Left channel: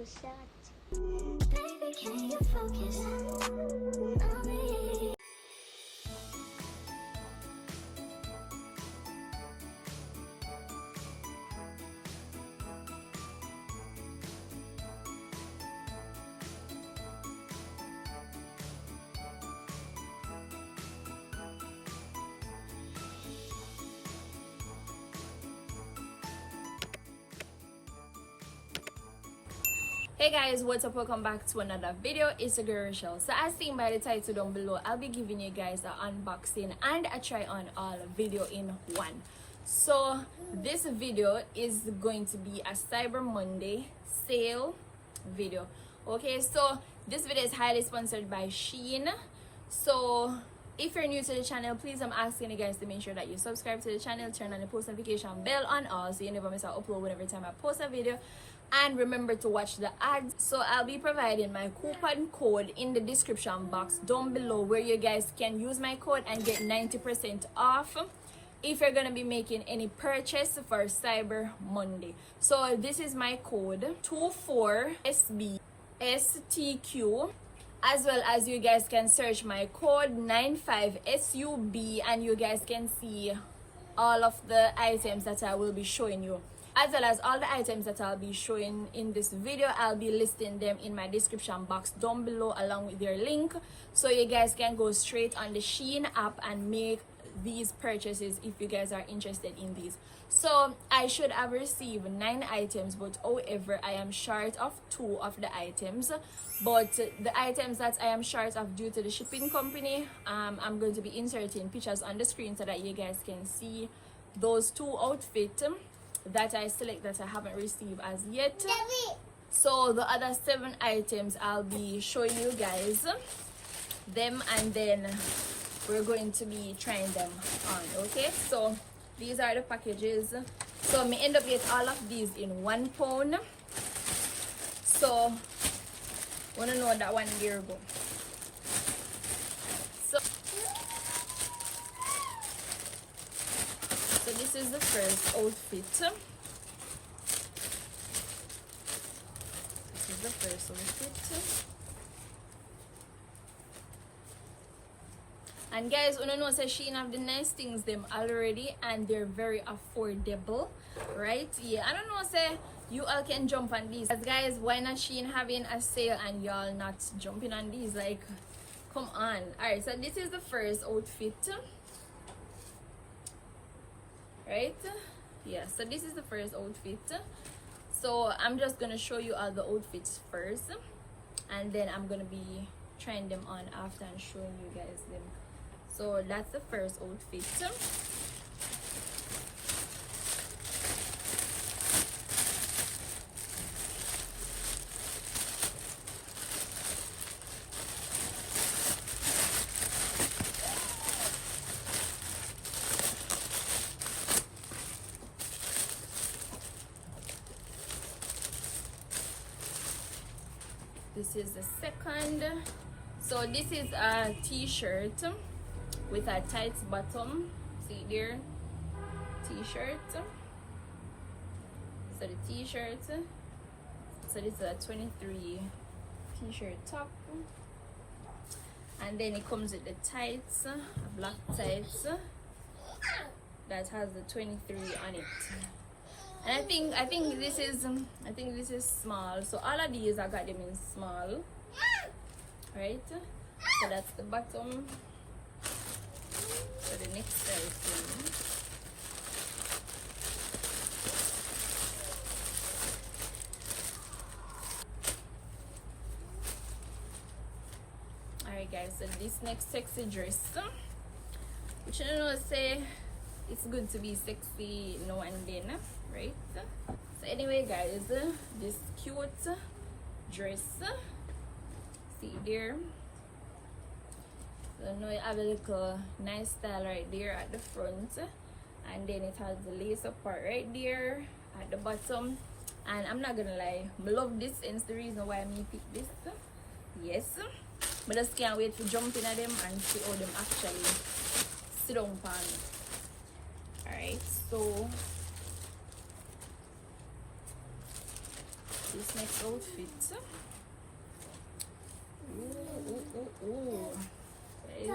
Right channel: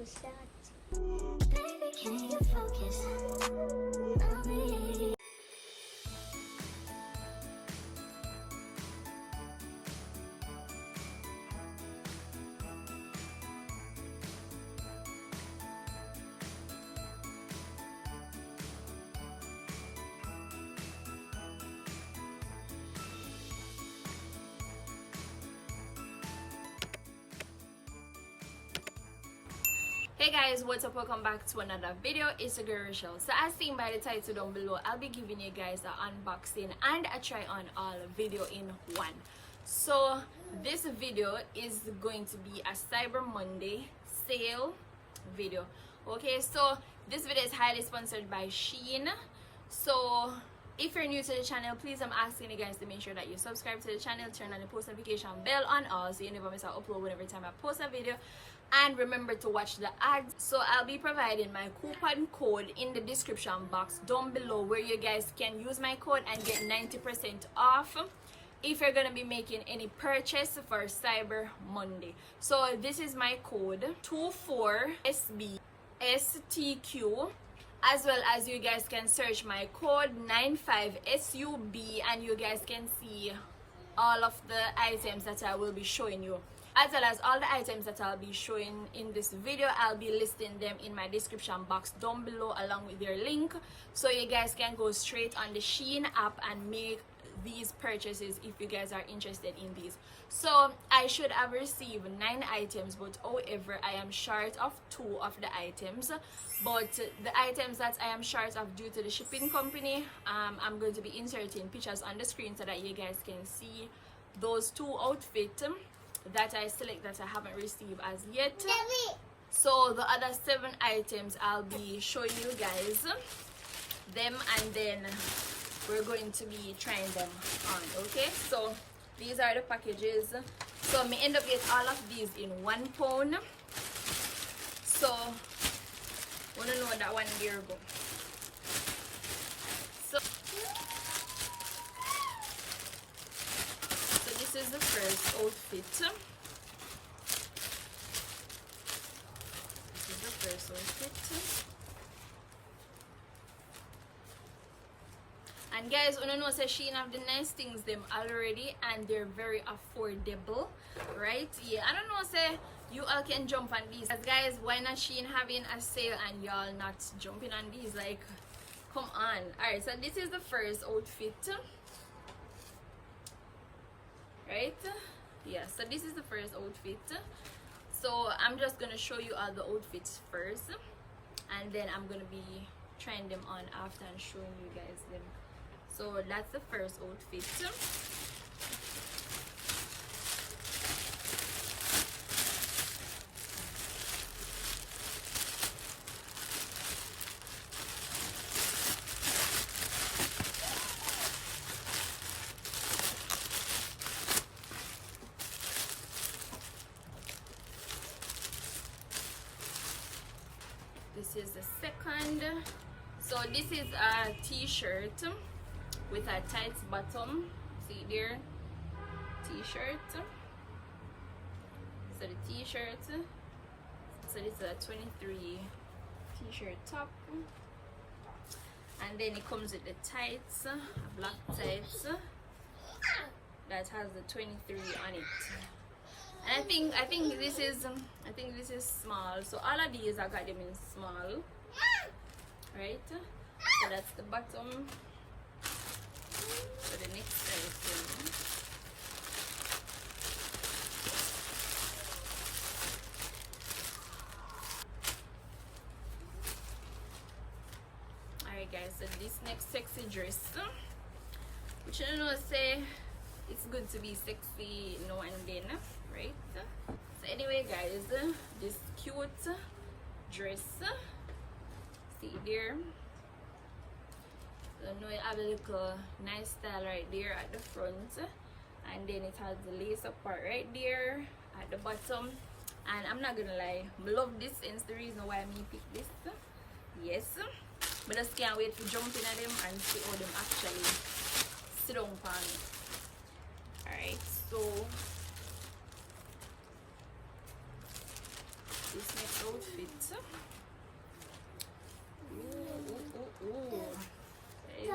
is that? Baby, can you focus on me? Hey guys, what's up? Welcome back to another video. It's your girl Rochelle. So as seen by the title down below, I'll be giving you guys an unboxing and a try on all video in one. So this video is going to be a Cyber Monday sale video. Okay, so this video is highly sponsored by SHEIN. So if you're new to the channel, please, I'm asking you guys to make sure that you subscribe to the channel, turn on the post notification bell on all so you never miss an upload whenever time I post a video, and remember to watch the ads. So I'll be providing my coupon code in the description box down below, where you guys can use my code and get 90% off if you're gonna be making any purchase for Cyber Monday. So this is my code 24SBSTQ. As well as you guys can search my code 95SUB and you guys can see all of the items that I will be showing you. As well as all the items that I'll be showing in this video, I'll be listing them in my description box down below along with their link. So you guys can go straight on the SHEIN app and make these purchases if you guys are interested in these. So I should have received 9 items, but however I am short of 2 of the items. But the items that I am short of due to the shipping company, I'm going to be inserting pictures on the screen so that you guys can see those 2 outfits that I select that I haven't received as yet. So the other 7 items I'll be showing you guys them, and then we're going to be trying them on. Okay, so these are the packages. So me end up getting all of these in £1. So wanna know that one year ago. So this is the first outfit. This is the first outfit. And guys, you know, say SHEIN have the nice things them already, and they're very affordable, right? Yeah, I don't know, say you all can jump on these. As guys, why not SHEIN having a sale and y'all not jumping on these? Like, come on. All right, so this is the first outfit, right? Yeah, so this is the first outfit. So I'm just gonna show you all the outfits first, and then I'm gonna be trying them on after and showing you guys them. So that's the first outfit. This is the second. So this is a t-shirt with a tight bottom. See there, t-shirt. So the t-shirt, so this is a 23 t-shirt top, and then it comes with the tights, a black tights that has the 23 on it. And I think this is small. So all of these I got them in small, right? So that's the bottom. So the next item, alright guys, so this next sexy dress, which I don't know, say it's good to be sexy now and then, right? So anyway guys, this cute dress, see there. So now you have a little nice style right there at the front, and then it has the lace up part right there at the bottom. And I'm not gonna lie, I love this, and it's the reason why I picked this. Yes, but I just can't wait to jump in at them and see how them actually sit on pan. Alright, so this next outfit. Ooh. Guys,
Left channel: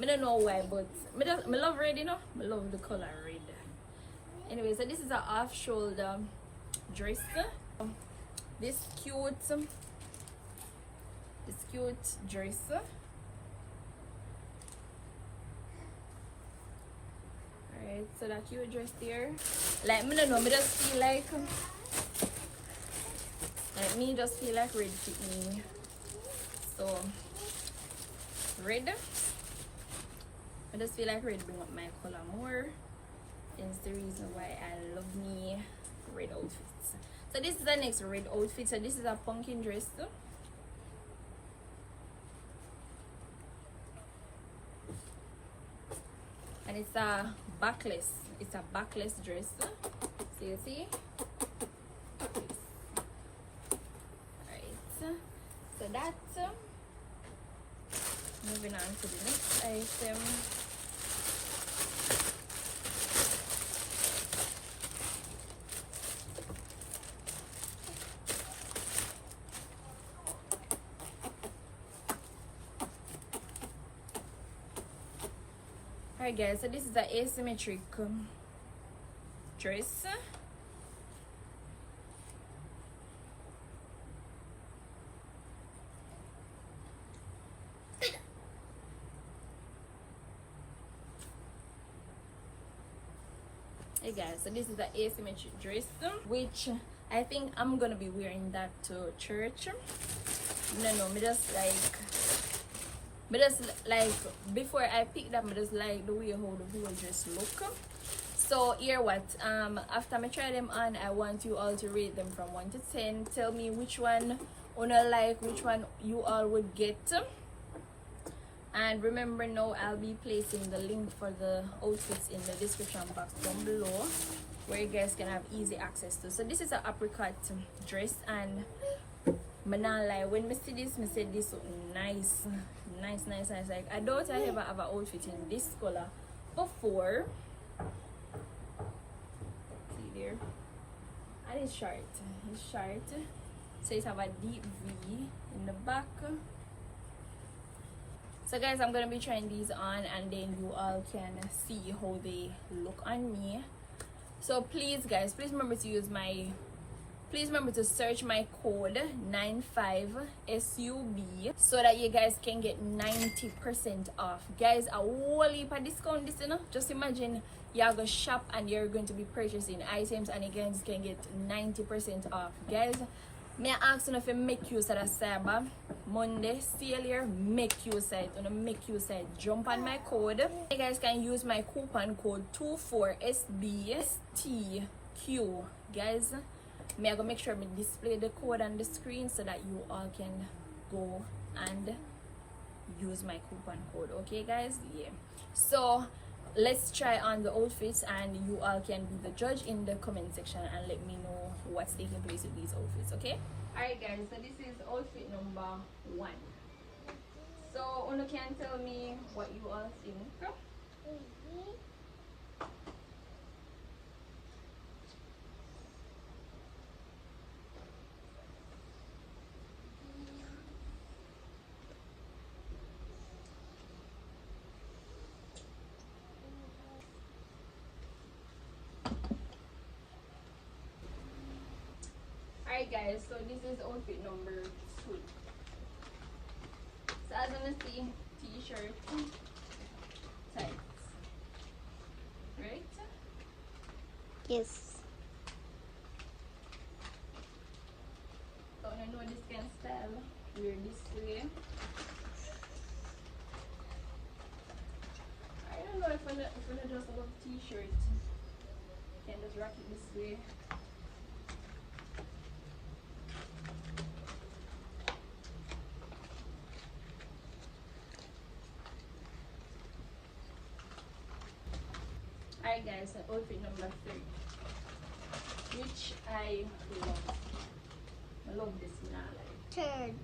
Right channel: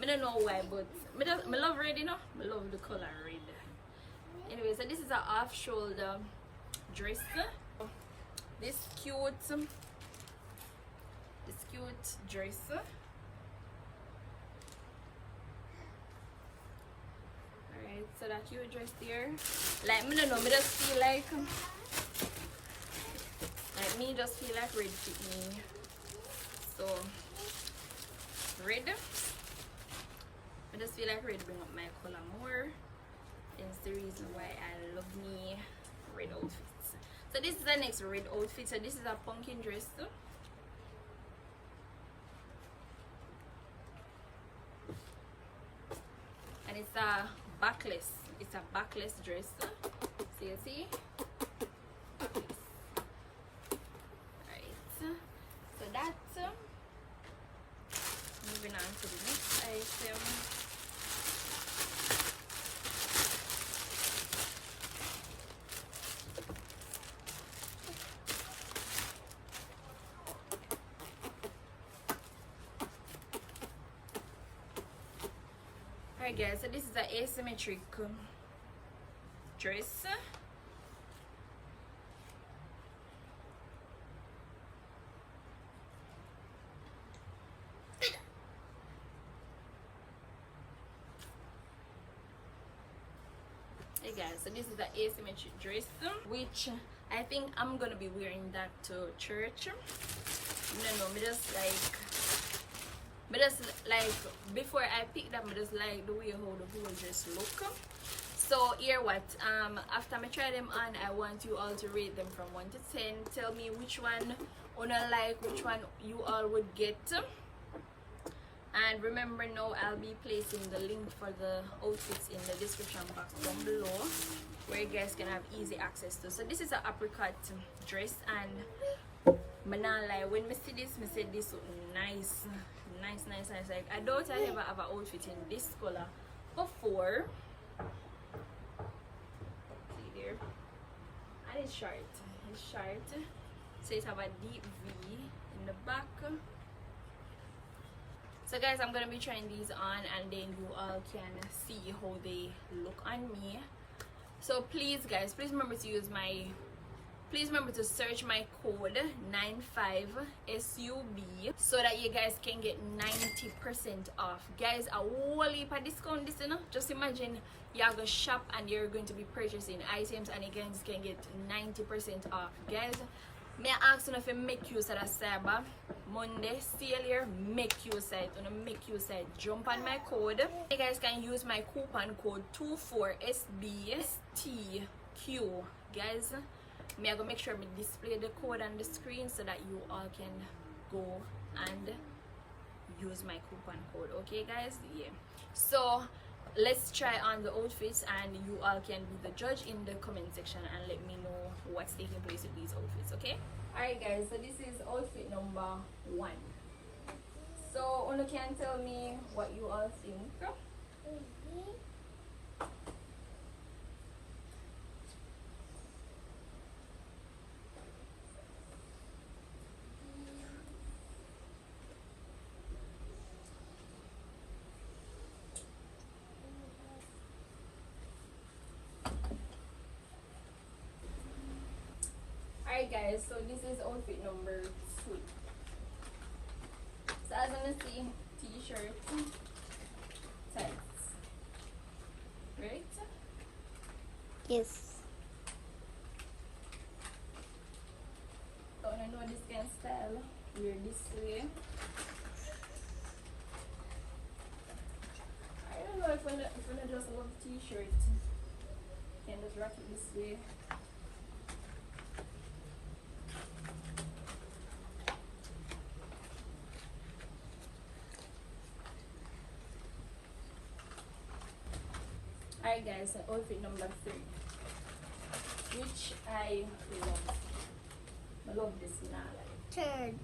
I don't know why, but I love red, you know. I love the color red. Anyway, so this is an off-shoulder dress. This cute dress. Alright, so that cute dress there. Like, I don't know, I just feel like me just feel like red fit me. So red. I just feel like red bring up my color more. It's the reason why I love me red outfits. So this is the next red outfit. So this is a pumpkin dress. And it's a backless. It's a backless dress. So you see? Backless. Alright. So that's moving on to the next item. Alright guys, so this is an asymmetric dress. Hey guys, so this is an asymmetric dress, which I think I'm gonna be wearing that to church. No, me just like before I picked up, I just like the way how the whole dress look. So here what, after I try them on, I want you all to rate them from 1 to 10. Tell me which one you like, which one you all would get. And remember now, I'll be placing the link for the outfits in the description box down below, where you guys can have easy access to. So this is an apricot dress, and I not lie, when I see this, I said this nice. Like, I don't ever have an outfit in this color before. See there, and it's short. So it have a deep V in the back. So guys, I'm gonna be trying these on, and then you all can see how they look on me. So please guys, please remember to search my code 95SUB so that you guys can get 90% off. Guys, a whole heap of discount this, you know. Just imagine you're gonna shop and you're going to be purchasing items and you guys can get 90% off. Guys, may I ask you if you make use of the Cyber Monday sale here, make use of it. Jump on my code. You guys can use my coupon code 24SBSTQ. Guys, me I go make sure me display the code on the screen so that you all can go and use my coupon code. Okay guys, yeah. So let's try on the outfits, and you all can be the judge in the comment section and let me know what's taking place with these outfits. Okay, alright guys, so this is outfit number 1. So you can tell me what you all think. Alright guys, so this is outfit number 2. So as you can see, t-shirt, tights, right? Yes. So I know this kind of style, wear this way. I don't know if I just love t-shirt, can just rock it this way. Alright guys, so outfit number 3, which I love. I love this now. Turn.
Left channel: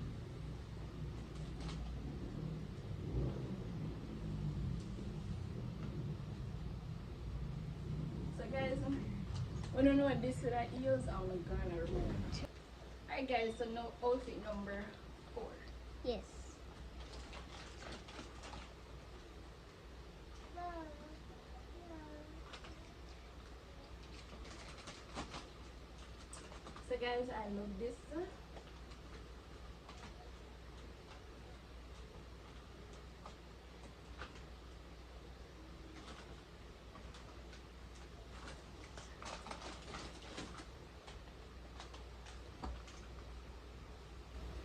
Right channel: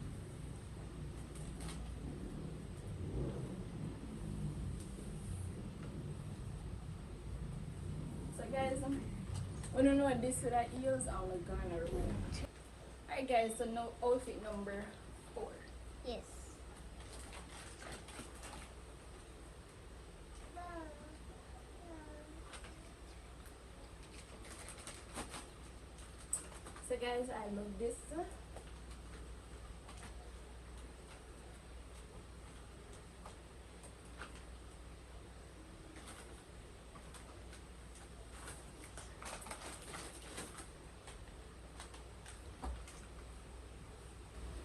So guys, I don't know what this with that heels, I'm gonna remove. Alright guys, so now outfit number 4. Yes. So guys, I love this.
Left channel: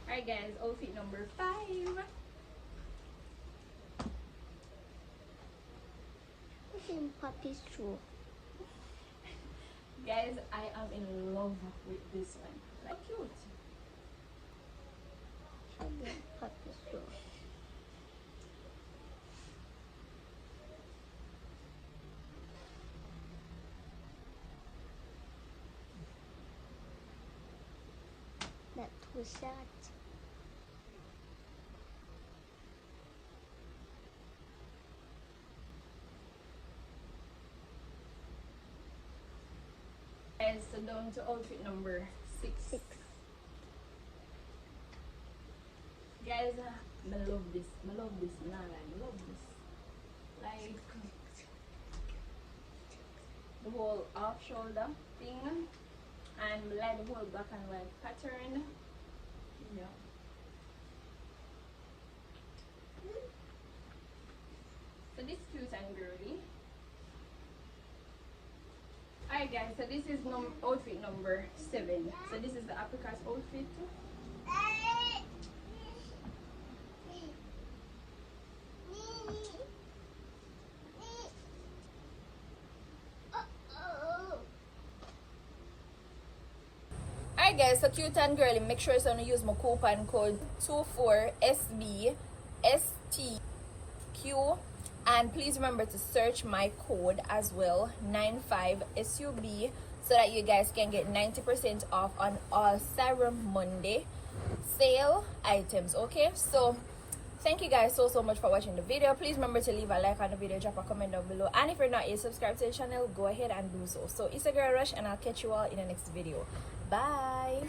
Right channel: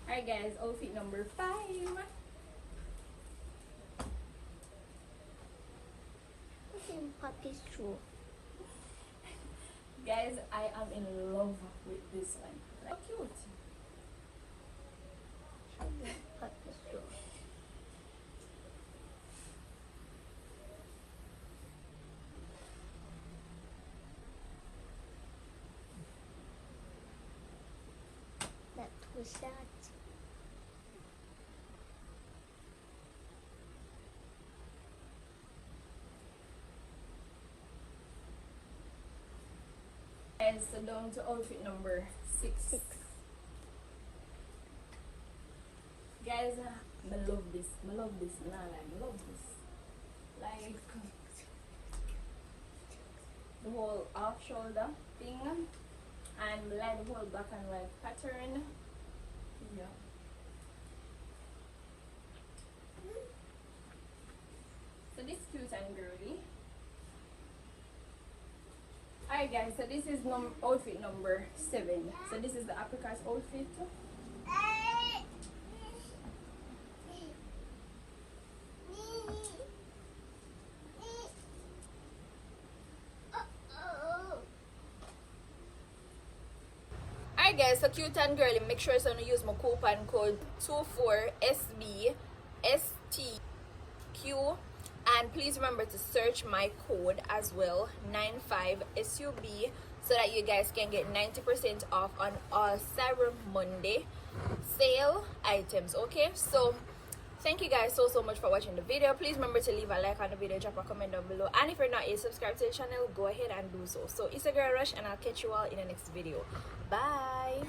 Alright guys, outfit number 5. Puppy's shoe. Guys, I am in love with this one. Like, cute. Puppy's shoe. That was that. Guys, so down to outfit number 6. Guys, I love this. I love this. Nah, like, I love this. Like, the whole off shoulder thing. And like the whole black and white pattern. Yeah. So this cute and girly. Alright guys, so this is outfit number 7. So this is the apricot outfit. Alright guys, so cute and girly, make sure you use my coupon code 24SBSTQ, and please remember to search my code as well, 95SUB, so that you guys can get 90% off on all Cyber Monday sale items. Okay, so thank you guys so much for watching the video. Please remember to leave a like on the video, drop a comment down below, and if you're not yet subscribed to the channel, go ahead and do so. So it's a girl Rush, and I'll catch you all in the next video. Bye.